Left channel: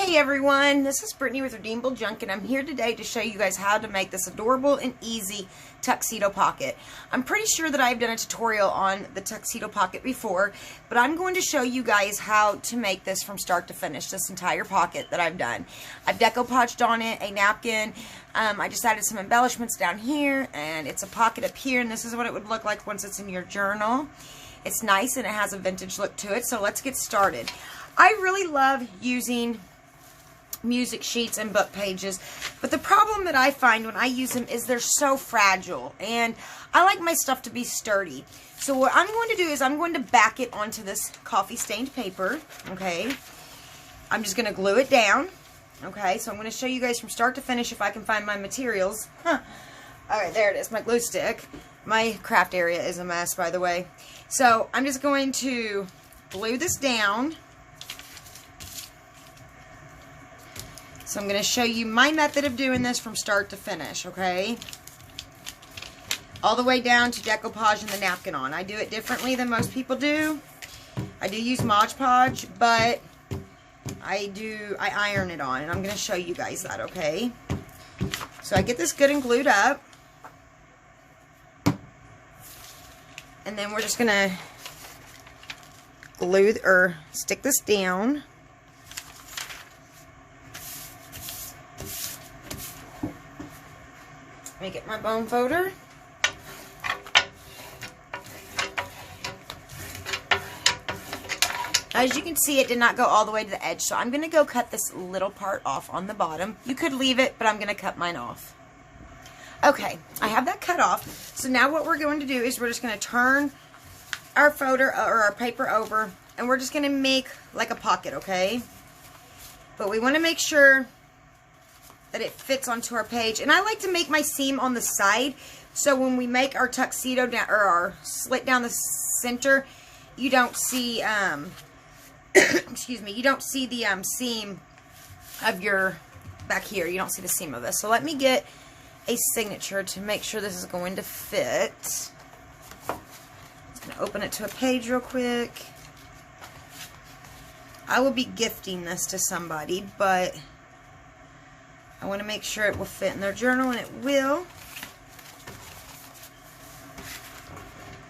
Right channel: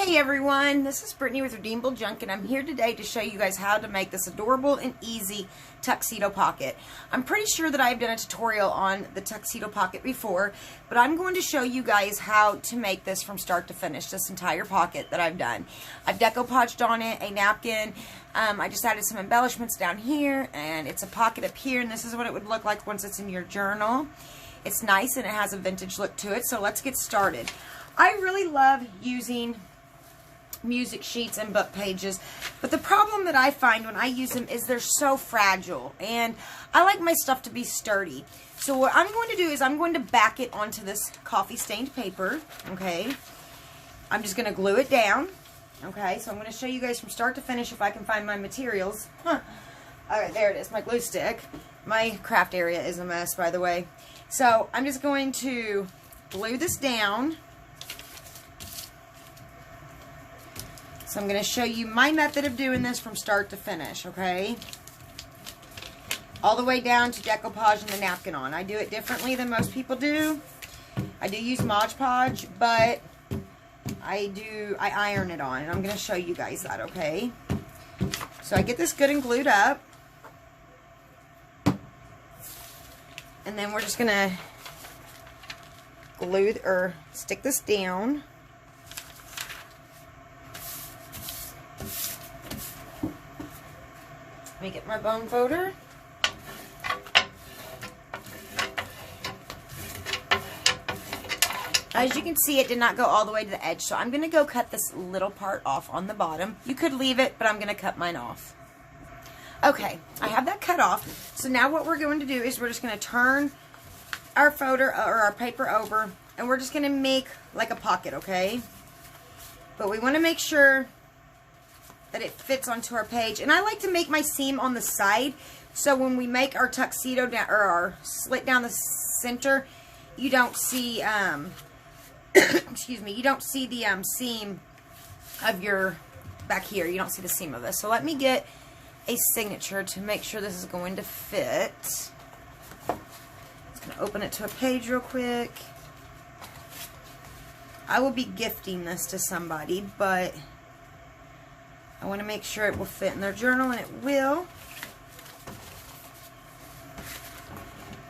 Hey everyone, this is Brittany with Redeemable Junk, and I'm here today to show you guys how to make this adorable and easy tuxedo pocket. I'm pretty sure that I've done a tutorial on the tuxedo pocket before, but I'm going to show you guys how to make this from start to finish, this entire pocket that I've done. I've decoupaged on it, a napkin. I just added some embellishments down here, and it's a pocket up here, and this is what it would look like once it's in your journal. It's nice, and it has a vintage look to it, so let's get started. I really love using music sheets and book pages, but the problem that I find when I use them is they're so fragile, and I like my stuff to be sturdy. So what I'm going to do is I'm going to back it onto this coffee stained paper. Okay, I'm just going to glue it down. Okay, so I'm going to show you guys from start to finish if I can find my materials. Alright, there it is, my glue stick. My craft area is a mess, by the way. So I'm just going to glue this down. So I'm going to show you my method of doing this from start to finish, okay? All the way down to decoupaging the napkin on. I do it differently than most people do. I do use Mod Podge, but I iron it on, and I'm going to show you guys that, okay? So I get this good and glued up. And then we're just going to glue or stick this down. Let me get my bone folder. As you can see, it did not go all the way to the edge, so I'm going to go cut this little part off on the bottom. You could leave it, but I'm going to cut mine off. Okay, I have that cut off. So now what we're going to do is we're just going to turn our folder or our paper over, and we're just going to make like a pocket, okay? But we want to make sure that it fits onto our page. And I like to make my seam on the side, so when we make our tuxedo down, or our slit down the center, you don't see excuse me, you don't see the seam of your back here. You don't see the seam of this. So let me get a signature to make sure this is going to fit. Just gonna open it to a page real quick. I will be gifting this to somebody, but I want to make sure it will fit in their journal, and it will.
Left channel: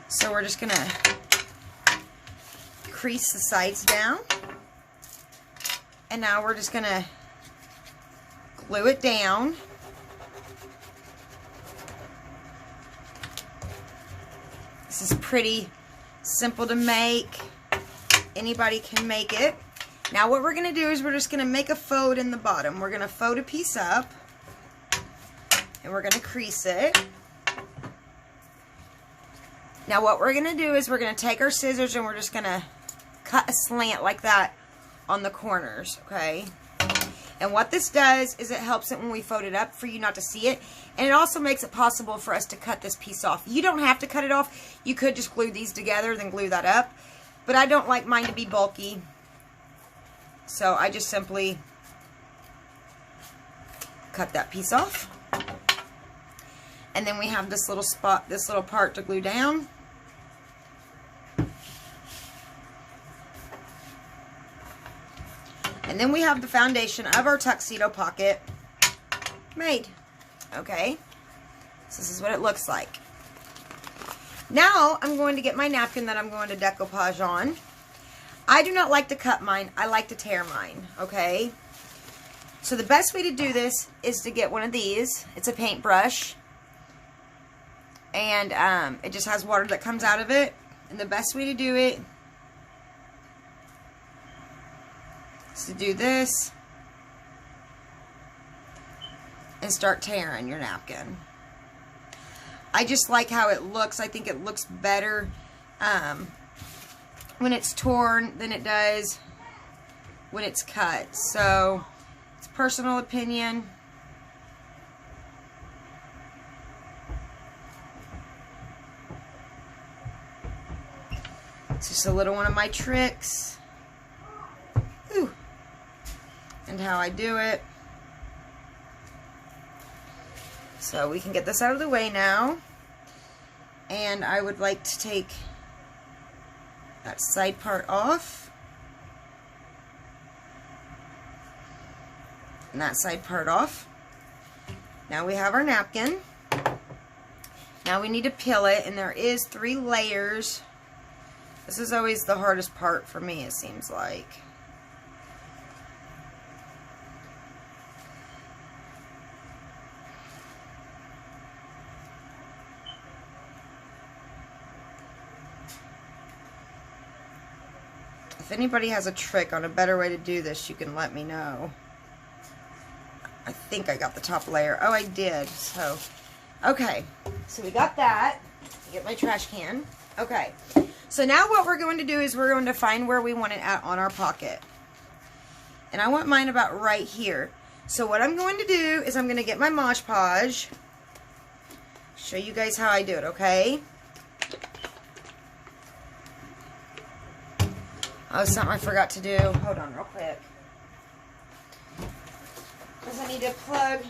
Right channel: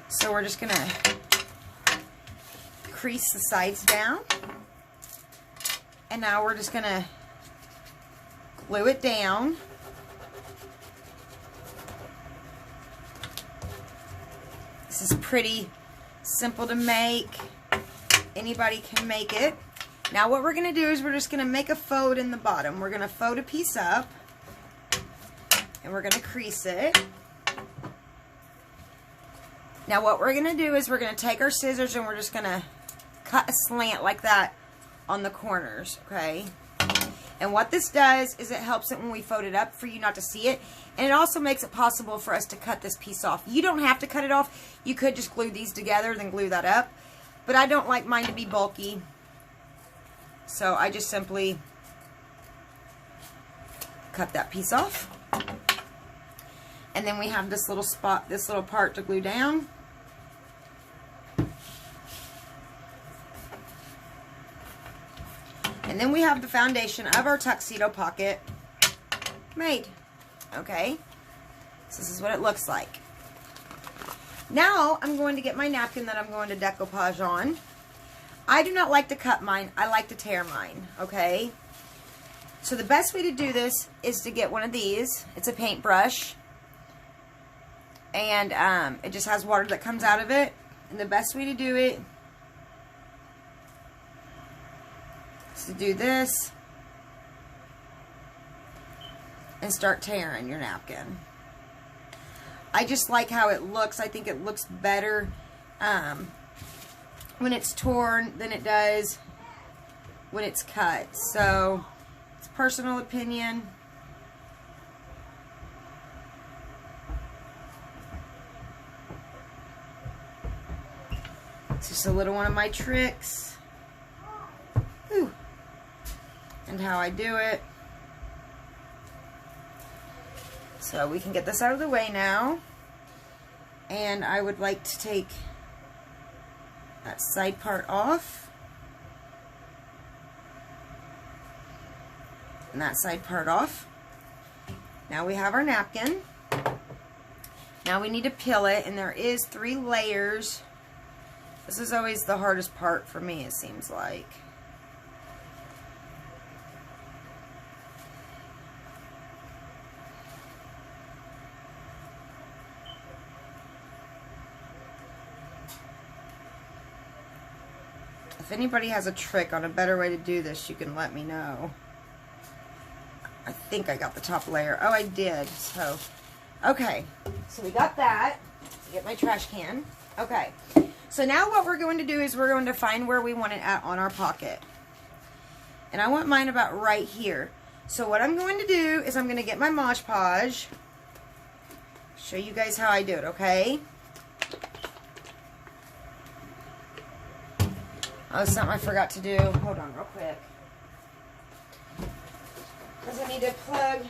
So we're just going to crease the sides down. And now we're just going to glue it down. This is pretty simple to make. Anybody can make it. Now what we're going to do is we're just going to make a fold in the bottom. We're going to fold a piece up, and we're going to crease it. Now what we're going to do is we're going to take our scissors, and we're just going to cut a slant like that on the corners, okay? And what this does is it helps it when we fold it up for you not to see it, and it also makes it possible for us to cut this piece off. You don't have to cut it off. You could just glue these together, then glue that up, but I don't like mine to be bulky. So I just simply cut that piece off. And then we have this little spot, this little part to glue down. And then we have the foundation of our tuxedo pocket made. Okay? So this is what it looks like. Now I'm going to get my napkin that I'm going to decoupage on. I do not like to cut mine. I like to tear mine, okay? So the best way to do this is to get one of these. It's a paintbrush. And it just has water that comes out of it. And the best way to do it is to do this and start tearing your napkin. I just like how it looks. I think it looks better when it's torn than it does when it's cut. So it's personal opinion. It's just a little one of my tricks. Ooh. And how I do it. So we can get this out of the way now. And I would like to take that side part off. And that side part off. Now we have our napkin. Now we need to peel it, and there is 3 layers. This is always the hardest part for me, it seems like. If anybody has a trick on a better way to do this, you can let me know. I think I got the top layer. Oh, I did. So, okay. So we got that. Get my trash can. Okay. So now what we're going to do is we're going to find where we want it at on our pocket. And I want mine about right here. So what I'm going to do is I'm going to get my Mod Podge. Show you guys how I do it, okay? Oh, something I forgot to do. Hold on real quick. Because I need to plug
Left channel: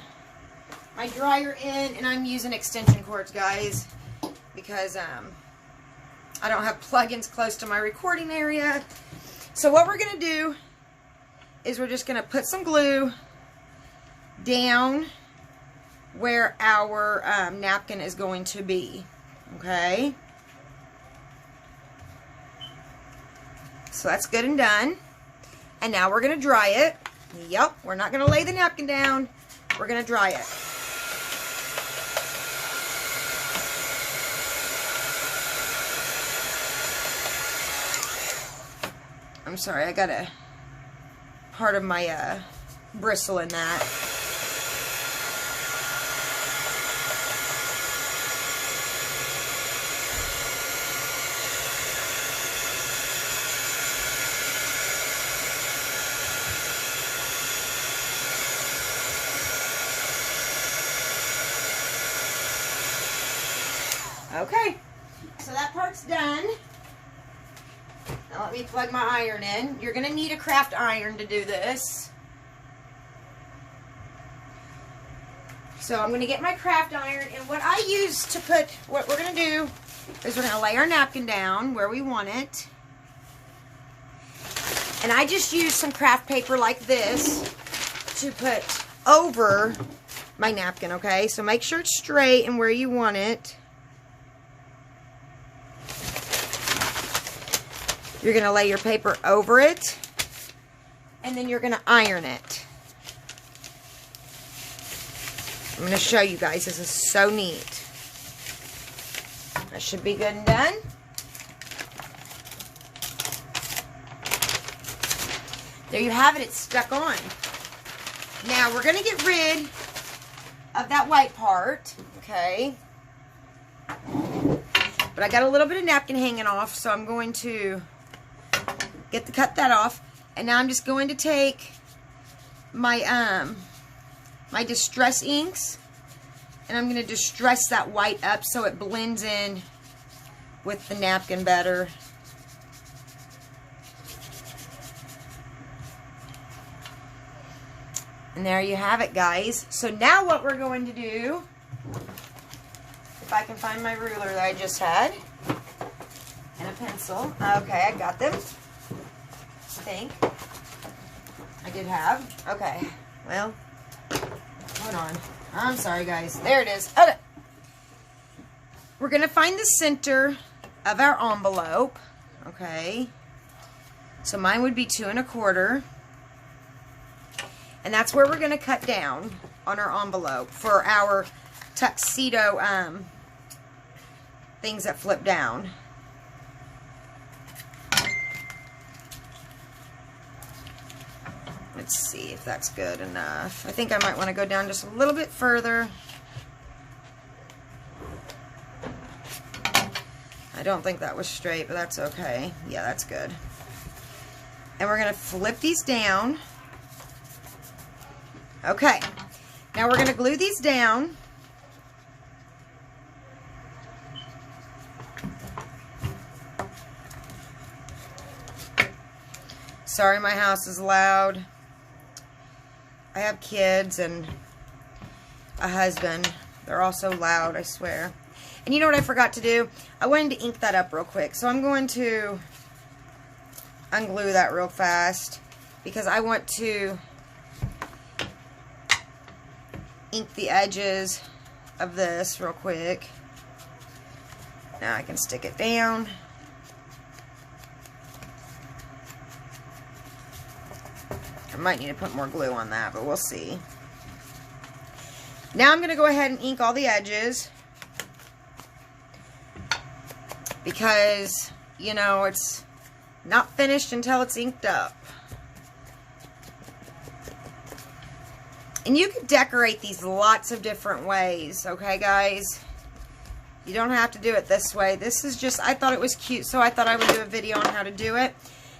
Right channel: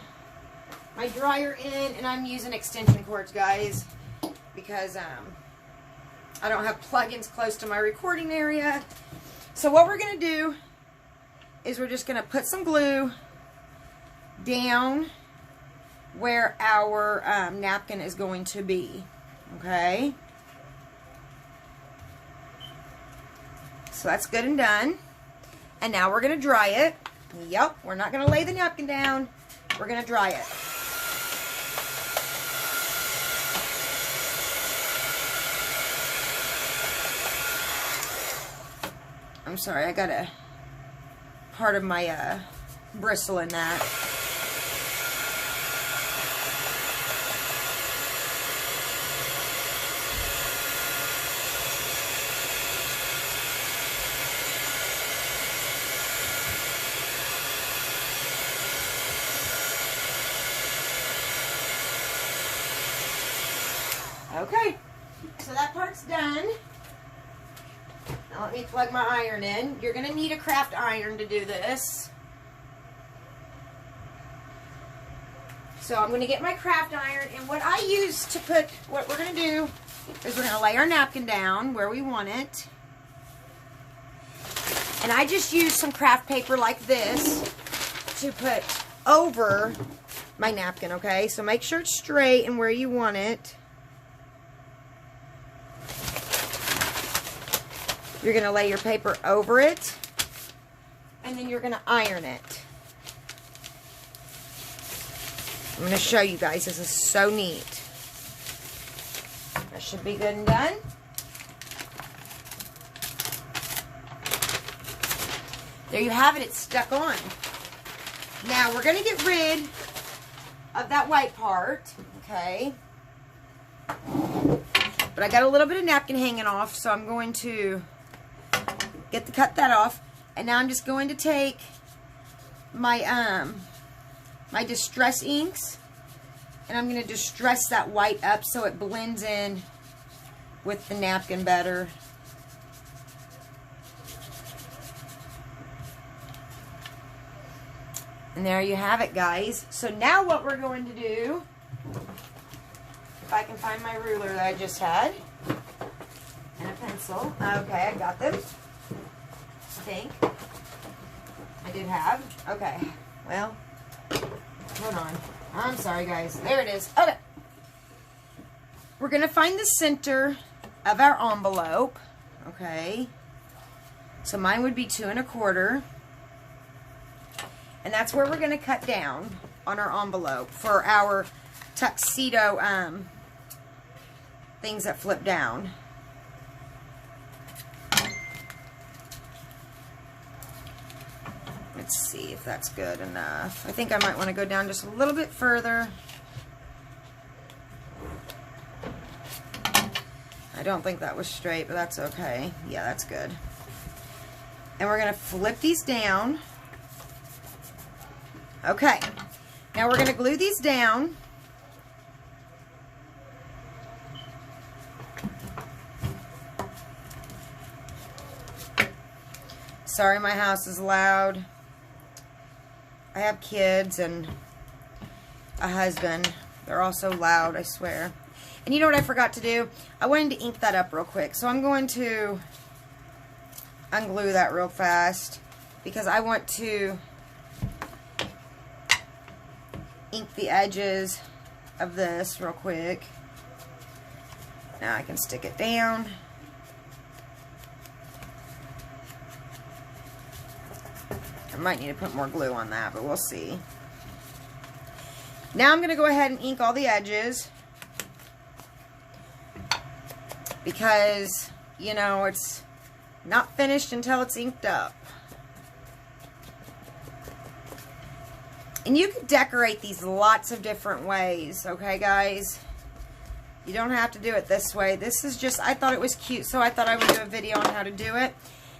my dryer in, and I'm using extension cords, guys, because I don't have plugins close to my recording area. So what we're going to do is we're just going to put some glue down where our napkin is going to be, okay? So that's good and done. And now we're going to dry it. Yep, we're not going to lay the napkin down. We're going to dry it. I'm sorry, I got a part of my bristle in that. Okay, so that part's done. Now let me plug my iron in. You're going to need a craft iron to do this. So I'm going to get my craft iron, and what I use to put, what we're going to do is we're going to lay our napkin down where we want it. And I just use some craft paper like this to put over my napkin, okay? So make sure it's straight and where you want it. You're going to lay your paper over it, and then you're going to iron it. I'm going to show you guys. This is so neat. That should be good and done. There you have it. It's stuck on. Now, we're going to get rid of that white part, okay? But I got a little bit of napkin hanging off, so I'm going to cut that off. And now I'm just going to take my my distress inks, and I'm going to distress that white up so it blends in with the napkin better. And there you have it, guys. So now what we're going to do, if I can find my ruler that I just had, and a pencil. Okay, I got them. I think. I did have. Okay. Well, hold on. I'm sorry, guys. There it is. Okay. We're going to find the center of our envelope. Okay. So mine would be 2 1/4. And that's where we're going to cut down on our envelope for our tuxedo things that flip down. Let's see if that's good enough. I think I might want to go down just a little bit further. I don't think that was straight, but that's okay. Yeah, that's good. And we're going to flip these down. Okay. Now we're going to glue these down. Sorry, my house is loud. I have kids and a husband. They're all so loud, I swear. And you know what I forgot to do? I wanted to ink that up real quick. So I'm going to unglue that real fast because I want to ink the edges of this real quick. Now I can stick it down. I might need to put more glue on that, but we'll see. Now I'm going to go ahead and ink all the edges. Because, you know, it's not finished until it's inked up. And you can decorate these lots of different ways, okay, guys? You don't have to do it this way. This is just, I thought it was cute, so I thought I would do a video on how to do it.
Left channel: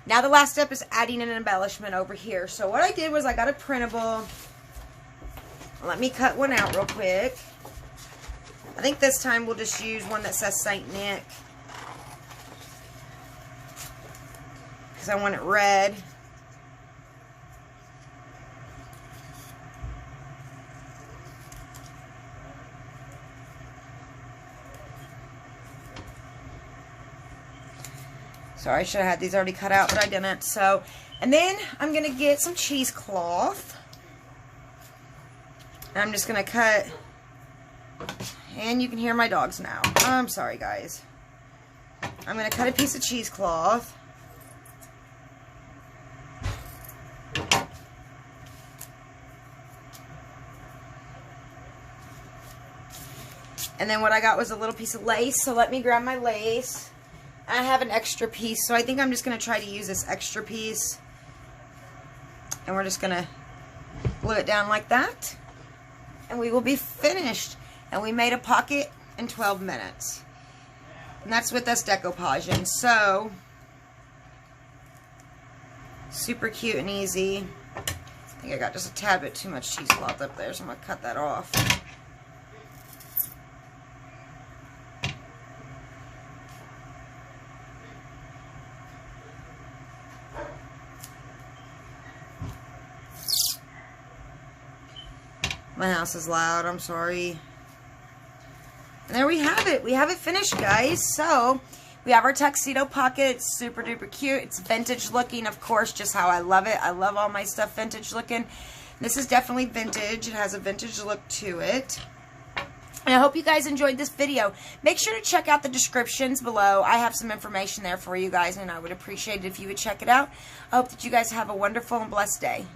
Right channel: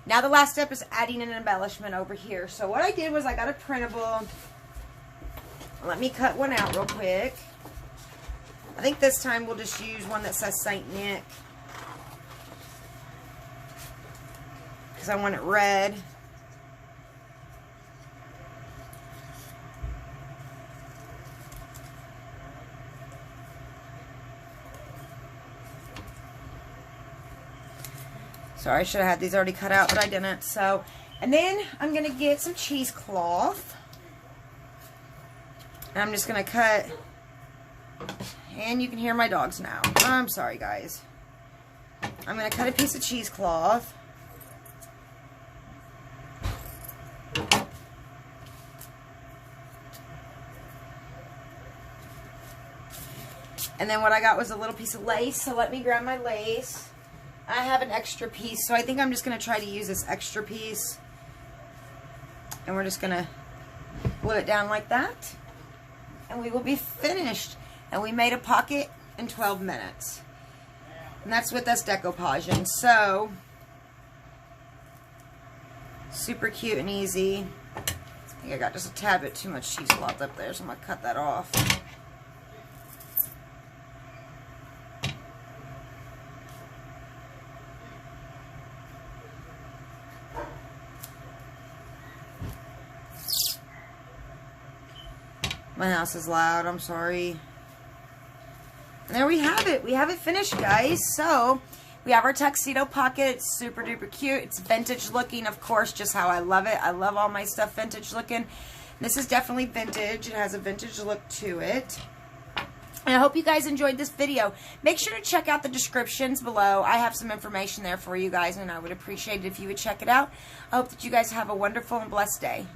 Now the last step is adding an embellishment over here. So what I did was I got a printable. Let me cut one out real quick. I think this time we'll just use one that says Saint Nick, because I want it red. Sorry, I should have had these already cut out, but I didn't. So, and then I'm going to get some cheesecloth. And I'm just going to cut, and you can hear my dogs now. I'm sorry, guys. I'm going to cut a piece of cheesecloth. And then what I got was a little piece of lace, so let me grab my lace. I have an extra piece, so I think I'm just going to try to use this extra piece. And we're just going to glue it down like that. And we will be finished. And we made a pocket in 12 minutes. And that's with this decoupage. So, super cute and easy. I think I got just a tad bit too much cheesecloth up there, so I'm going to cut that off. My house is loud, I'm sorry. And there we have it. We have it finished, guys. So, we have our tuxedo pocket. It's super duper cute. It's vintage looking, of course, just how I love it. I love all my stuff vintage looking. This is definitely vintage. It has a vintage look to it. And I hope you guys enjoyed this video. Make sure to check out the descriptions below. I have some information there for you guys, and I would appreciate it if you would check it out. I hope that you guys have a wonderful and blessed day.